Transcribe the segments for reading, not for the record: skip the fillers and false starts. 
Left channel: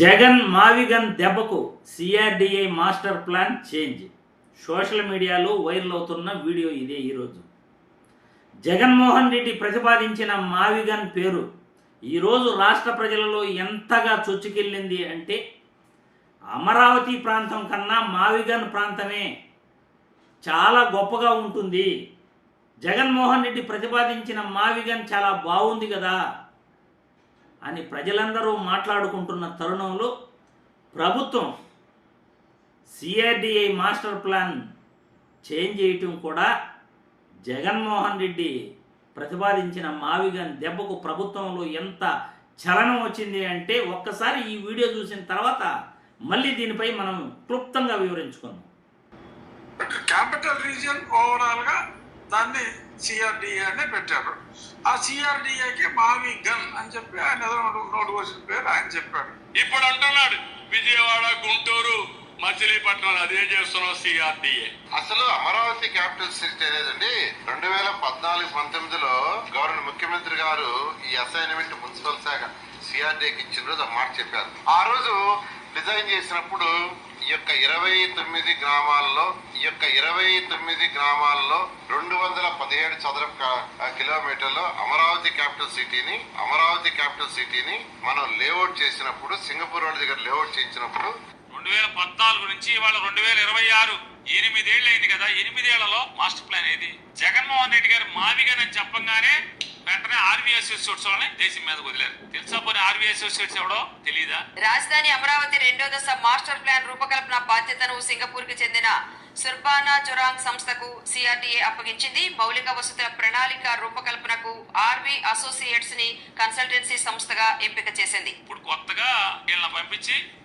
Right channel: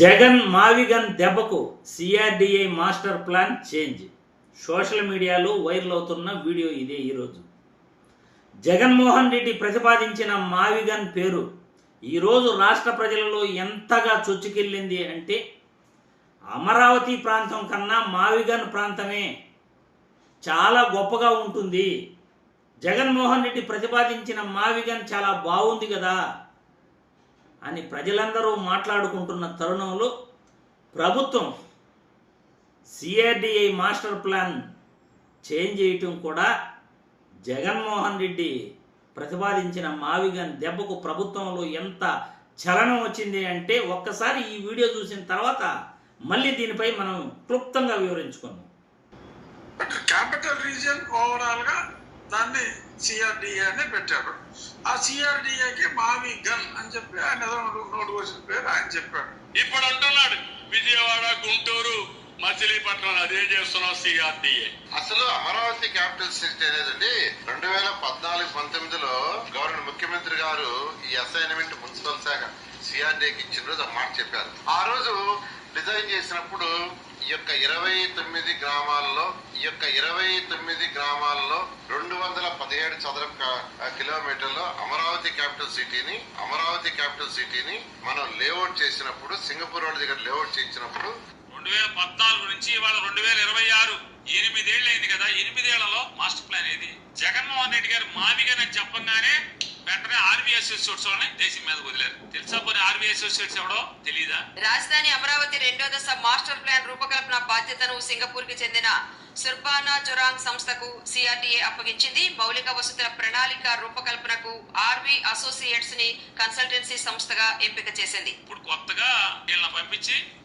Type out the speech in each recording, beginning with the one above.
జగన్ మావిగన్ దెబ్బకు CRDI master plan change. Social మీడియాలో viral అవుతున్న వీడియో ఇదే. ఈరోజు జగన్మోహన్ రెడ్డి ప్రతిపాదించిన మావిగన్ పేరు ఈరోజు రాష్ట్ర ప్రజలలో ఎంతగా చొచ్చుకెళ్ళింది అంటే, అమరావతి ప్రాంతం కన్నా మావిగన్ ప్రాంతమే చాలా గొప్పగా ఉంటుంది. జగన్మోహన్ రెడ్డి ప్రతిపాదించిన మావిగన్ చాలా బాగుంది కదా అని ప్రజలందరూ మాట్లాడుకుంటున్న తరుణంలో ప్రభుత్వం సిఆర్డిఐ మాస్టర్ ప్లాన్ చేంజ్ చేయటం కూడా జగన్మోహన్ రెడ్డి ప్రతిపాదించిన మావిగన్ దెబ్బకు ప్రభుత్వంలో ఎంత చలనం వచ్చింది అంటే, ఒక్కసారి ఈ వీడియో చూసిన తర్వాత మళ్ళీ దీనిపై మనం క్లుప్తంగా వివరించుకుందాం. క్యాపిటల్ రీజియన్ ఓవరాల్ గా దాన్ని సిఆర్డిఏ అని పెట్టారు. ఆ సిఆర్డిఏకి మావి గన్ అని చెప్పి ఆయన నోటు వచ్చిన పేరు ఆయన చెప్పాడు. ఇప్పుడు అంటున్నాడు విజయవాడ, గుంటూరు, మచిలీపట్నం అదే చేస్తున్నాం సిఆర్డిఏ. అసలు అమరావతి క్యాపిటల్ సిటీ అనేదండి 2014-19లో గవర్నర్ ముఖ్యమంత్రి గారు ఈ అసైన్మెంట్ మున్సిపల్ శాఖ సిఆర్డిఏకి ఇచ్చిన రోజు మాట చెప్పారు. ఆ రోజు డిజైన్ చేసినప్పుడు ఈ యొక్క 29 గ్రామాల్లో 217 చదరపు కిలోమీటర్లో అమరావతి క్యాపిటల్ సిటీని మనం లేఅవుట్ చేసినప్పుడు, సింగపూర్ రోడ్ దగ్గర లేఅవుట్ చేయించినప్పుడు 2014 నుంచి ఇవాళ 2026 8 ఏళ్ళు అయింది కదా. 8 ఏళ్లలో మాస్టర్ ప్లాన్ ఏది? జగన్మోహన్ రెడ్డి గారు మావిగన్ అని చెప్పగానే వెంటనే ఆర్వీ అసోసియేట్స్ వాళ్ళని దేశం మీద వదిలేరు. తెలుసా పోనీ ఆర్వీ అసోసియేట్స్ ఎవడో తెలీదా? రాజధాని అమరావతి 2వ దశ మాస్టర్ ప్లాన్ రూపకల్పన బాధ్యతను సింగపూర్ కి చెందిన సుర్బానా జొరాంగ్ సంస్థకు సిఆర్డిఏ అప్పగించింది. మౌలిక వసతుల ప్రణాళిక రూపకల్పనకు ఆర్వీ అసోసియేట్స్ ని కన్సల్టెన్సీ సంస్థగా ఎంపిక చేసింది. ఇప్పుడు కొత్తగా వీళ్ళని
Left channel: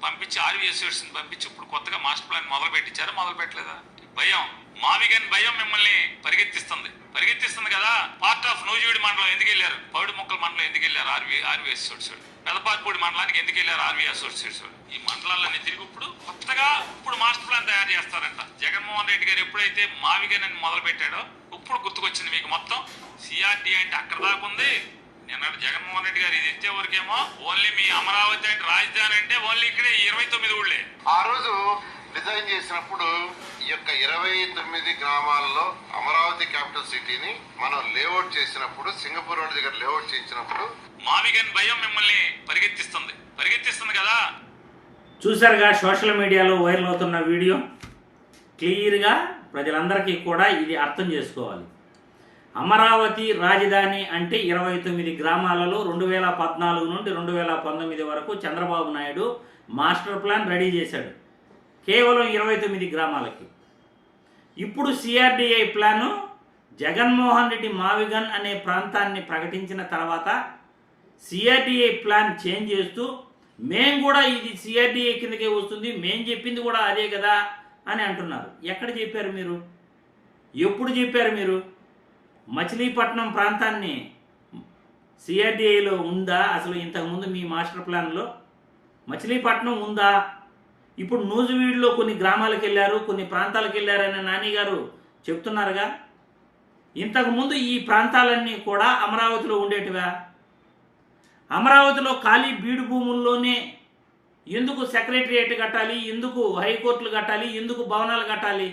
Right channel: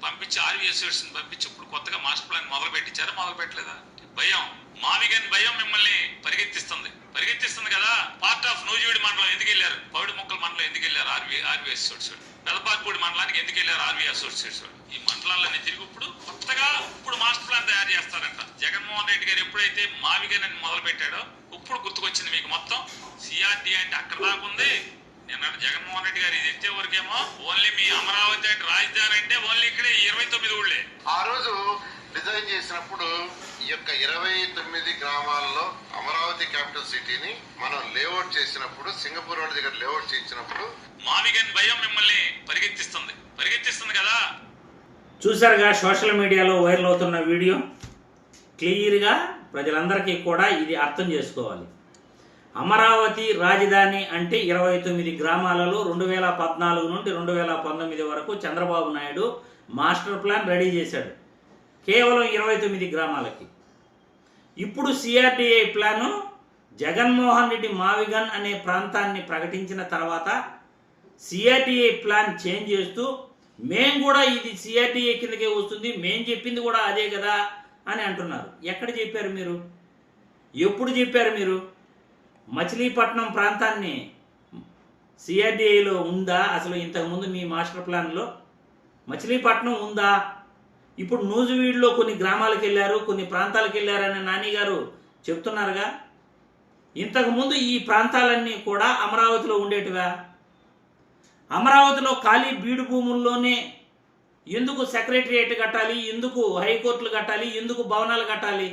పంపించి ఆర్వీ అసోసియేట్స్ పంపించి ఇప్పుడు కొత్తగా మాస్టర్ ప్లాన్ మొదలు పెట్టలేదా? భయం, మావిగన్ భయం మిమ్మల్ని పరిగెత్తిస్తుంది కదా. పార్ట్ ఆఫ్ నూజివీడి మండలం ఎందుకు వెళ్ళారు? పౌడి మొక్కల మండలం ఎందుకు వెళ్ళారు? RV associates. పెదపాతిపూడి మండలానికి ఎందుకు వెళ్ళారు? RV Associates. ఈ మండలాలన్నీ తిరిగి ఇప్పుడు మాస్టర్ ప్లాన్ తయారు చేస్తారంట. జగన్మోహన్ రెడ్డి గారు ఎప్పుడైతే మావిగన్ అని మొదలు పెట్టాడో ఇప్పుడు గుర్తుకొచ్చింది మీకు మొత్తం. సిఆర్డి అంటే అక్కడ దాకా ఉంది. నిన్న జగన్మోహన్ రెడ్డి గారు ఇది ఎత్తే వరకేమో ఓన్లీ మీ అమరావతి అంటే రాజధాని అంటే ఓన్లీ ఇక్కడే 29 ఊళ్ళే. ఆ రోజు డిజైన్ చేసినప్పుడు ఈ యొక్క 29 గ్రామాల్లో అమరావతి క్యాపిటల్ సిటీని మనం లేఅవుట్ చేసినప్పుడు, సింగపూర్ రోడ్ దగ్గర లేఅవుట్ చేయించినప్పుడు మావిగన్ భయం మిమ్మల్ని పరిగెత్తిస్తుంది కదా. చూసారుగా సోషల్ మీడియాలో వైరల్ అవుతున్న వీడియో. క్లియర్గా ప్రజలందరికీ కూడా ఇది అర్థం చేసుకోవాలి. అమరావతి రాజధాని అంటే 29 గ్రామాలలో 2014 నుండి 2019 వరకు Chandrababu Naidu master plan ready చేశాడు, కేవలం 29 గ్రామాలకి. ఇప్పుడు సిఆర్డిఐ ప్లాను జగన్మోహన్ రెడ్డి మావిగన్ అనే ప్రాంతాన్ని ప్రకటించిన తర్వాత సిఆర్డిఐ ప్లాన్ చేంజ్ చేస్తూ, మేం కూడా ఇది సిఆర్డిఐ కిందకే వస్తుంది, మేం చెప్పింది కూడా అదే కదా అని అంటున్నారు. ఎక్కడ చెప్పారు మీరు? ఎప్పుడు చెప్పారు మీరు? మచిలీపట్నం ప్రాంతాన్ని సిఆర్డిఐలో ఉందా? అసలు ఇంతకుముందు మీ మాస్టర్ ప్లాన్లో మచిలీపట్నం ఉందా? ఇప్పుడు నూజివీడులో కొన్ని గ్రామాలకు వెళ్ళారు, కొన్ని ప్రాంతాలకు వెళ్ళారని నాని గారు చెప్తున్నారుగా. ఇంతకుముందు ఈ ప్రాంతాలన్నీ కూడా అమరావతిలో ఉండేటివా? అమరావతిలో ఖాళీ బీడు భూముల్లోనే ఎందుకు సెక్రటరియేట్ కట్టాలి? ఎందుకు హైకోర్టులు కట్టాలి? ఎందుకు భవనాలు కట్టాలి?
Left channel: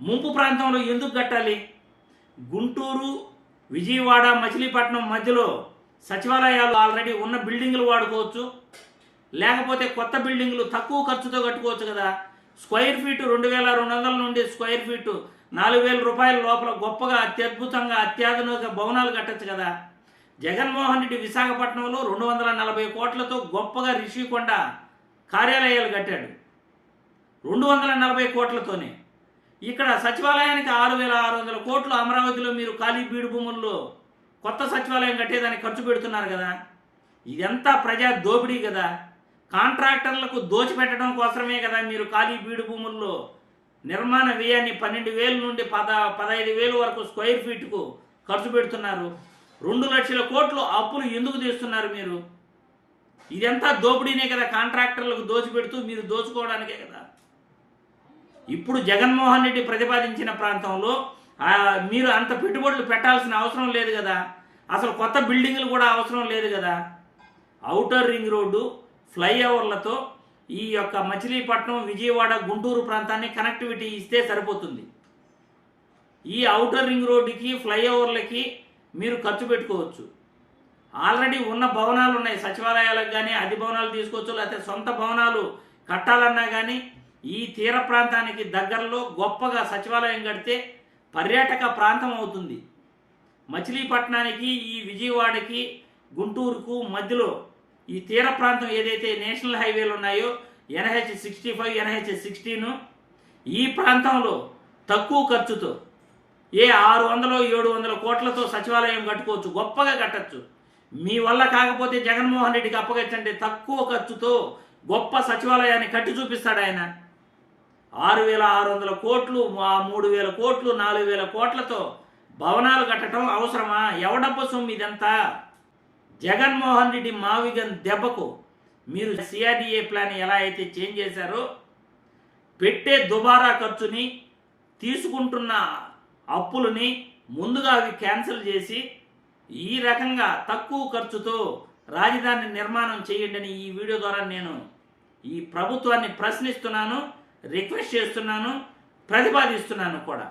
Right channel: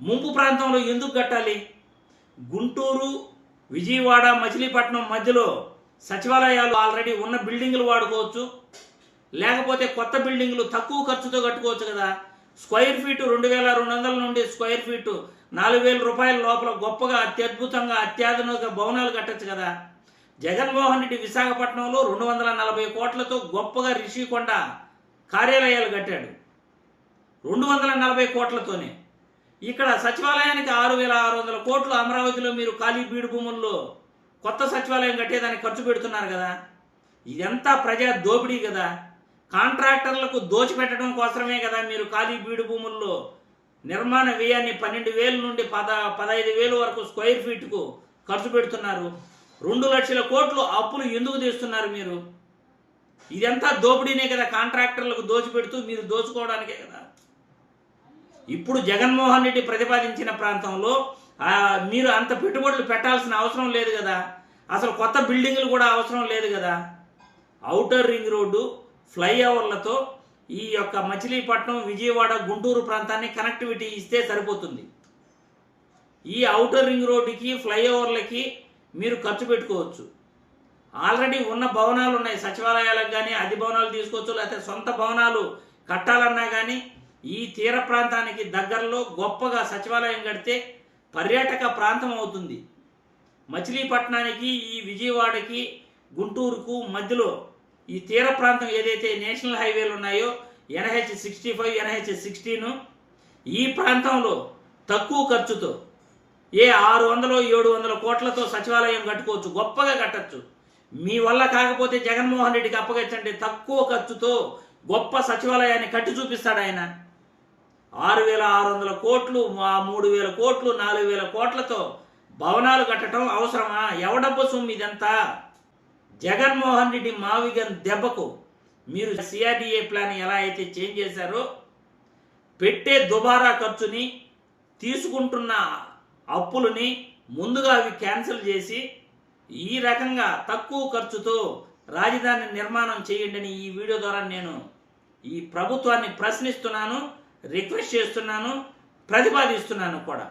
ముంపు ప్రాంతంలో ఎందుకు కట్టాలి? గుంటూరు, విజయవాడ, మచిలీపట్నం మధ్యలో సచివాలయాలు ఆల్రెడీ ఉన్న బిల్డింగులు వాడుకోవచ్చు, లేకపోతే కొత్త బిల్డింగులు తక్కువ ఖర్చుతో కట్టుకోవచ్చు కదా. స్క్వేర్ ఫీటు 2200 నుండి స్క్వేర్ ఫీటు 4000 రూపాయల లోపల గొప్పగా అత్యద్భుతంగా అత్యాధునిక భవనాలు కట్టచ్చు కదా. జగన్మోహన్ రెడ్డి విశాఖపట్నంలో 240 కోట్లతో గొప్పగా రిషికొండ కార్యాలయాలు కట్టాడు, 240 కోట్లతోనే. ఇక్కడ సచివాలయానికి 6600 కోట్లు అమరావతిలో మీరు ఖాళీ బీడు భూముల్లో కొత్త సచివాలయం కట్టేదానికి ఖర్చు పెడుతున్నారు కదా. ఇదంతా ప్రజా దోపిడీ కదా. కాంట్రాక్టర్లకు దోచిపెట్టడం కోసమే కదా మీరు ఖాళీ బీడు భూముల్లో నిర్మాణ వ్యయాన్ని 12,000 నుండి 15,000 వరకు స్క్వేర్ ఫీట్కు ఖర్చు పెడుతున్నారు. 2 లక్షల కోట్లు అప్పులు ఎందుకు తీస్తున్నారు మీరు? ఇదంతా దోపిడీనే కదా. కాంట్రాక్టర్లకు దోచిపెడుతూ మీరు దోచుకోవడానికే కదా. ఇప్పుడు జగన్మోహన్ రెడ్డి ప్రతిపాదించిన ప్రాంతంలో మీరు అంత పెట్టుబడులు పెట్టాల్సిన అవసరం లేదు కదా. అసలు కొత్త బిల్డింగులు కూడా అవసరం లేదు కదా. ఔటర్ రింగ్ రోడ్డు, ఫ్లైఓవర్లతో ఈ యొక్క మచిలీపట్నం, విజయవాడ, గుంటూరు ప్రాంతాన్ని కనెక్టివిటీ ఇస్తే సరిపోతుంది. ఈ ఔటర్ రింగ్ రోడ్డుకి, ఫ్లైఓవర్లకి మీరు ఖర్చు పెట్టుకోవచ్చు. ఆల్రెడీ ఉన్న భవనాలు ఉన్నాయి, సచివాలయాలకు కానీ అద్దె భవనాలు తీసుకోవచ్చు, లేకపోతే సొంత భవనాలు కట్టాలన్నా కానీ ఈ తీర ప్రాంతానికి దగ్గరలో గొప్పగా సచివాలయం కడితే పర్యాటక ప్రాంతం అవుతుంది. మచిలీపట్నానికి, ఈ విజయవాడకి, గుంటూరుకు మధ్యలో ఈ తీర ప్రాంతం ఏదైతే నేషనల్ హైవేలు ఉన్నాయో NH65, NH16, ఈ ప్రాంతంలో తక్కువ ఖర్చుతో 600-700 కోట్లతో సచివాలయం కట్టుకోవచ్చు, గొప్పగా కట్టచ్చు. మీ వల్ల కాకపోతే జగన్మోహన్ రెడ్డికి అప్పగించండి, తక్కువ ఖర్చుతో గొప్ప సచివాలయాన్ని కట్టి చూపిస్తాడు ఆయన. 6,600 కోట్లు, 3,000 కోట్లు, 4,000 కోట్లతో భవనాలు కట్టడం అవసరమా? ఎవడబ్బ సొమ్ము ఇదంతా? జగన్మోహన్ రెడ్డి మావిగన్ దెబ్బకు మీరు CRDA ప్లాన్ ఎలా అయితే చేంజ్ చేశారో, పెట్టే దుబారా ఖర్చుని, తీసుకుంటున్న అప్పులని ముందుగా అవి క్యాన్సిల్ చేసి ఈ రకంగా తక్కువ ఖర్చుతో రాజధాని నిర్మాణం చేయండి అని ఈ వీడియో ద్వారా నేను ఈ ప్రభుత్వాన్ని ప్రశ్నిస్తున్నాను, రిక్వెస్ట్ చేస్తున్నాను, ప్రతిపాదిస్తున్నాను కూడా.